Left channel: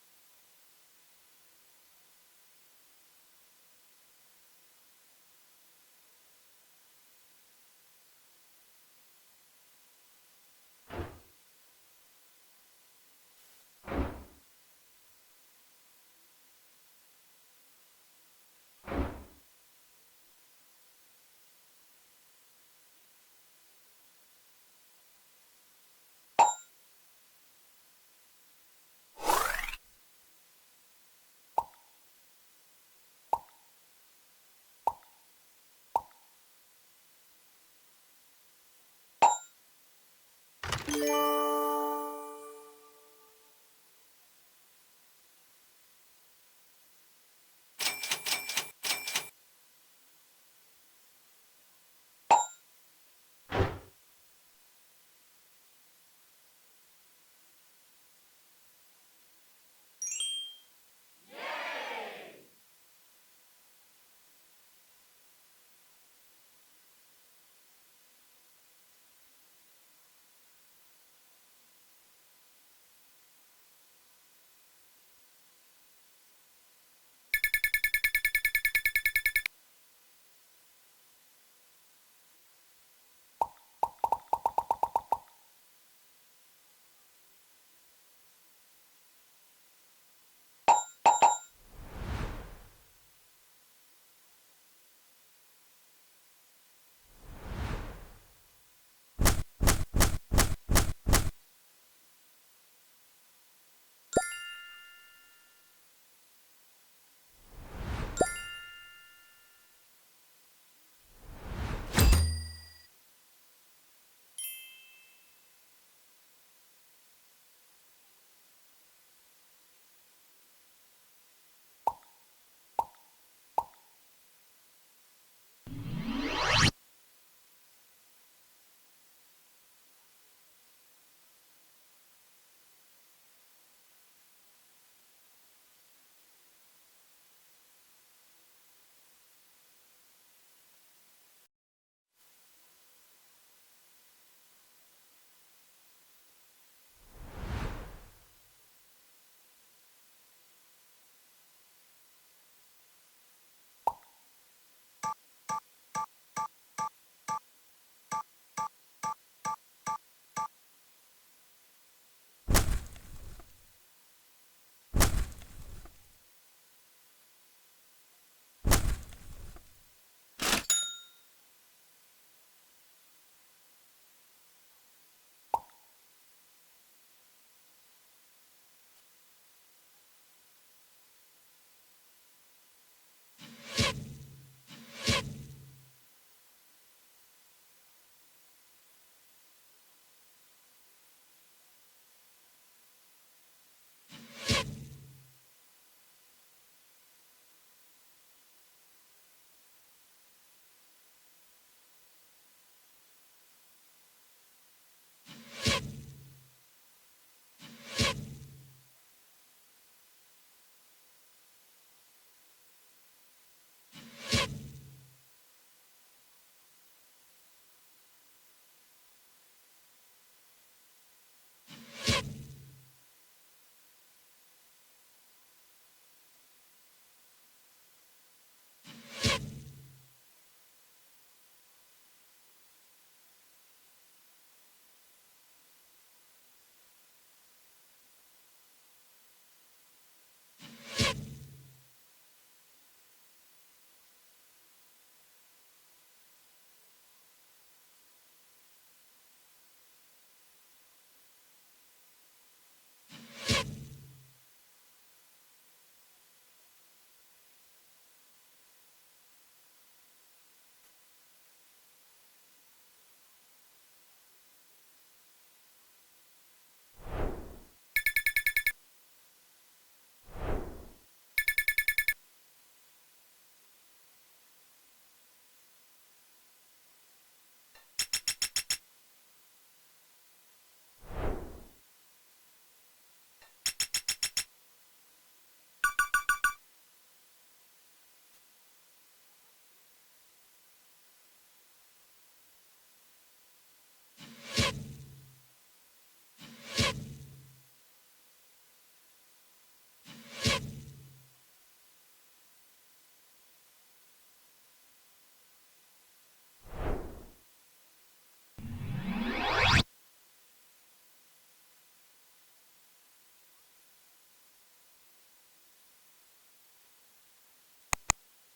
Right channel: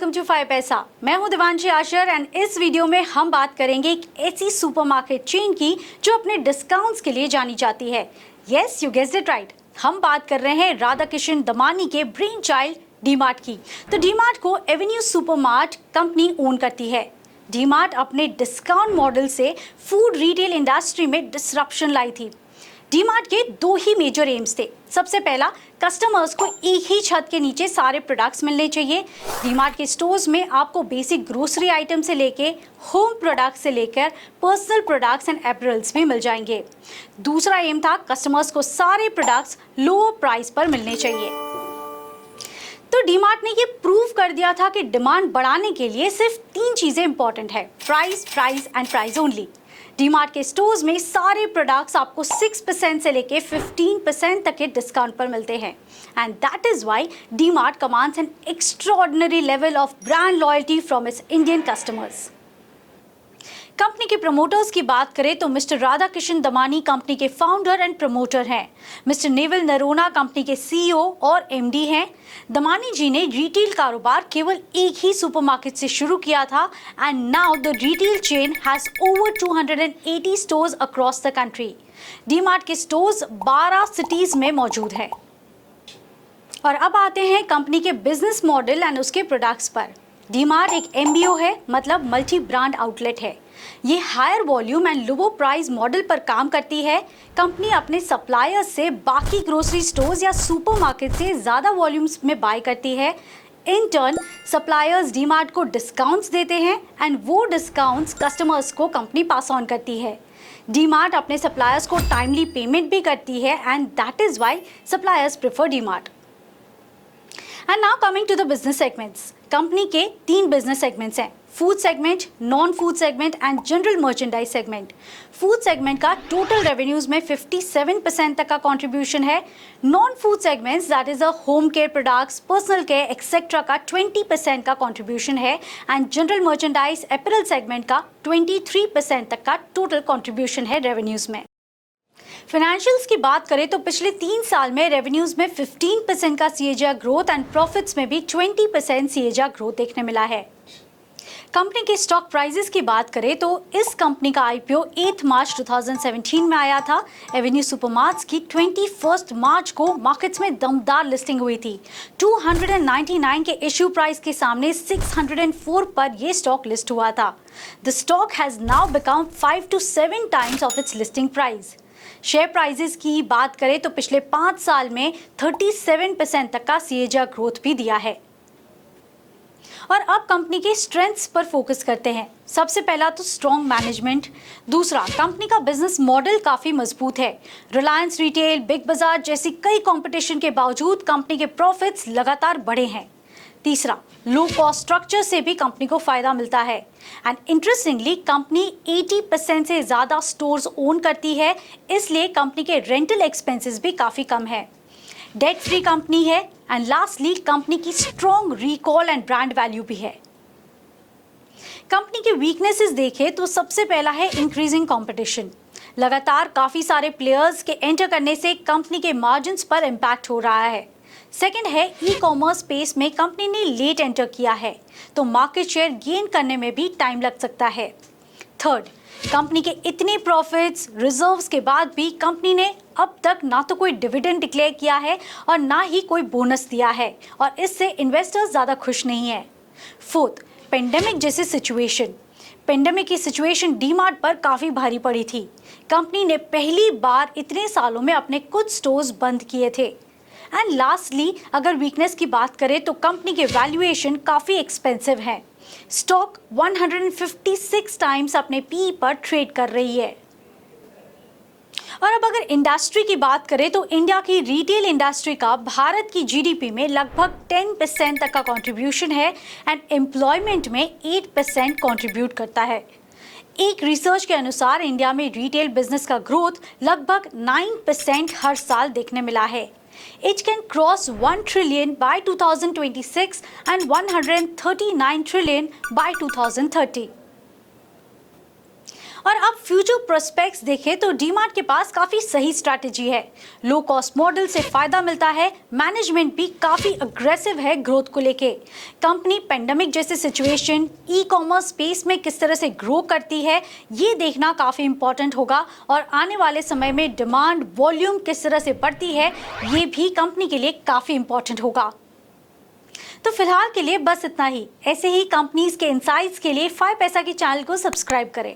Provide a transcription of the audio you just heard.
Welcome to 5 पैसा। मैं हूं दिवांशी आशर एंड इस वीडियो में हम बात करेंगे एक ऐसी सुपरमार्केट चेन की जो अपने डिस्काउंट्स के लिए जानी जाती है। Yes, you guessed it right. हम बात कर रहे हैं राधा किशन दमानी के ब्रेन चाइल्ड डीमार्ट की। तो डीमार्ट को एवेन्यू सुपरमार्ट कंपनी ओन करती है। डीमार्ट अपने डिस्काउंट मॉडल से फूड रिटेल इंडस्ट्री में डिसरप्शन लाई थी। डीमार्ट के दो ही मेजर एम्स थे। सबसे पहला, कस्टमर्स को एक ही छत के नीचे सारे प्रोडक्ट्स मिलने चाहिए। डीमार्ट के स्टोर्स में आपको बेसिक ग्रोसरी आइटम से लेके होम प्रोडक्ट्स से लेकर पर्सनल प्रोडक्ट्स एंड एपरल्स भी मिल जाएंगे। दूसरा एम था, कस्टमर्स को सारे प्रोडक्ट्स लो प्राइस पर मिलने चाहिए। तो डीमार्ट ने ये प्रूव कर दिया था कि डिमांड बढ़ाने के लिए सिर्फ तीन चीजें इंपॉर्टेंट है, price, price and price only. DMart के स्टोर्स में सारे प्रोडक्ट्स आपको 6% से लेके 15% तक के डिस्काउंट पर मिलते हैं and that is why DMart commands an extraordinary level of brand loyalty from its Indian customers. Company के प्रमोटर्स की बात करें तो मिस्टर राधा किशन दमानी कंपनी के फाउंडर एंड प्रमोटर हैं। मिस्टर नेविल नरोना कंपनी के सीईओ और एमडी हैं। दमानी जी ने रिटेल कारोबार केवल एक ही सुपरमार्केट से शुरू किया था and now the retail chain has over 280 stores across the country. DMart के स्टोर्स 12 सिटीज में मौजूद हैं। और अब आते हैं कंपनी के बिजनेस मॉडल एंड उसके प्रोडक्ट्स पर। डीमार्ट एक एमबीओ है, मतलब मल्टी ब्रांड आउटलेट है। ये higher volume and low price model पर काम करती है। कंपनी अपने सप्लायर्स से बाकी ग्रोसरी स्टोर्स या सुपरमार्केट से ज़्यादा वॉल्यूम्स में बाय करती है। इन टर्न सप्लायर्स डीमार्ट को डिस्काउंट्स देते हैं एंड वो डिस्काउंट्स कस्टमर्स को कंपनी पास ऑन करती है। डीमार्ट अपने सप्लायर्स को टाइमली पेमेंट भी करती है and that is why suppliers prefer DMart. And now coming to the business segments. Company के 3 बिजनेस सेगमेंट्स हैं, food segment, non food segment and general merchandise segment. Food segment का टोटल रेवेन्यूज में 57% तक का contribution है। Non food segments that is a home care products, personal care etcetera का 20% का contribution है and general merchandise apparel segment का 23% तक का टोटल कंट्रीब्यूशन है रेवेन्यूज में। फाइनेंशियल्स की बात करें तो पिछले 3 साल में रेवेन्यूज में 15% का सीएजीआर ग्रोथ एंड प्रॉफिट्स में भी 20% सीएजीआर ग्रोथ देखने मिला है। कंपनी के स्टॉक प्राइसेस की बात करें तो इस कंपनी का आईपीओ 8 मार्च 2017 में आया था। एवेन्यू सुपरमार्ट्स की 21 मार्च को मार्केट्स में दमदार लिस्टिंग हुई थी। 299 के इश्यू प्राइस के सामने 604 पर यह स्टॉक लिस्ट हुआ था। The stock has now become 5 to 7 times of its listing price. Share prices की बात करें तो पिछले 5 साल में 37% तक का सीएजीआर ग्रोथ भी दिया है। और अब कंपनी के स्ट्रेंथ्स पर फोकस करते हैं। सबसे पहला तो स्ट्रॉन्ग मैनेजमेंट। दूसरा, कंपनी का बिजनेस मॉडल काफ़ी मजबूत है। रिलायंस रिटेल, बिग बाजार जैसी कई कंपटीशन के बावजूद कंपनी के प्रॉफिट्स लगातार बढ़े हैं। तीसरा, लो कॉस्ट स्ट्रक्चर से भी कंपनी को फायदा मिलता है एंड इंटरेस्टिंगली कंपनी 80% से ज़्यादा स्टोर्स ओन करती है, इसलिए कंपनी के रेंटल एक्सपेंसेस भी काफ़ी कम है। डेट फ्री कंपनी है एंड लास्टली कंपनी की strong recall and brand value भी है। कंपनी के वीकनेसेस देखें तो सबसे पहला है इंक्रीजिंग कंपटीशन। लगातार काफ़ी सारे प्लेयर्स के एंटर करने से कंपनी के मार्जिन्स पर इम्पैक्ट हो रहा है। सेकेंड है, ई कॉमर्स स्पेस में कंपनी ने लेट एंटर किया है तो मार्केट शेयर गेन करने में भी टाइम लग सकता है। थर्ड, कंपनी के इतने प्रॉफिट्स, रिजर्व्स के बाद भी कंपनी ने अब तक ना तो कोई डिविडेंड डिक्लेयर किया है और ना ही कोई बोनस दिया है और इससे इन्वेस्टर्स ज़्यादा खुश नहीं है। फोर्थ, पेंडेमिक जैसी सिचुएशन। पेंडेमिक की सिचुएशन डीमार्ट पर काफ़ी भारी पड़ी थी। कंपनी ने पहली बार इतने सालों में अपने कुछ स्टोर्स बंद किए थे। एंड लास्टली, अगर वीकनेस की बात करें तो कंपनी के वैल्यूएशन काफ़ी एक्सपेंसिव है। स्टॉक 156 टाइम्स अपने पी पर ट्रेड कर रही है। और अब अगर इंडस्ट्री की बात करें तो इंडिया की रिटेल इंडस्ट्री का भारत की जीडीपी में लगभग 10% तक का कंट्रीब्यूशन है एंड एम्प्लॉयमेंट में 8% कंट्रीब्यूट करता है। एक रिसर्च के अनुसार इंडिया में रिटेल बिजनेस का ग्रोथ लगभग 9% हर साल देखने मिला है। It can cross 1 trillion by 2026 and 139 trillion by 2030. और अब फ्यूचर प्रोस्पेक्ट्स देखें तो डीमार्ट के पास काफी सही स्ट्रैटेजी है। लो कॉस्ट मॉडल से फायदा मिलता है, मैनेजमेंट भी काफी अग्रेसिव है ग्रोथ को लेके। कंपनी पेंडेमिक जैसे सिचुएशन, ई कॉमर्स स्पेस में किस तरह से ग्रो करती है, ये देखना काफी इंपॉर्टेंट होगा और आने वाले समय में डिमांड वॉल्यूम किस तरह से बढ़ती है, ये भी कंपनी के लिए काफी इंपॉर्टेंट होगा। तो फिलहाल के लिए बस इतना ही। ऐसे ही कंपनीज के इनसाइट्स के लिए 5 पैसा के चैनल को सब्सक्राइब करें।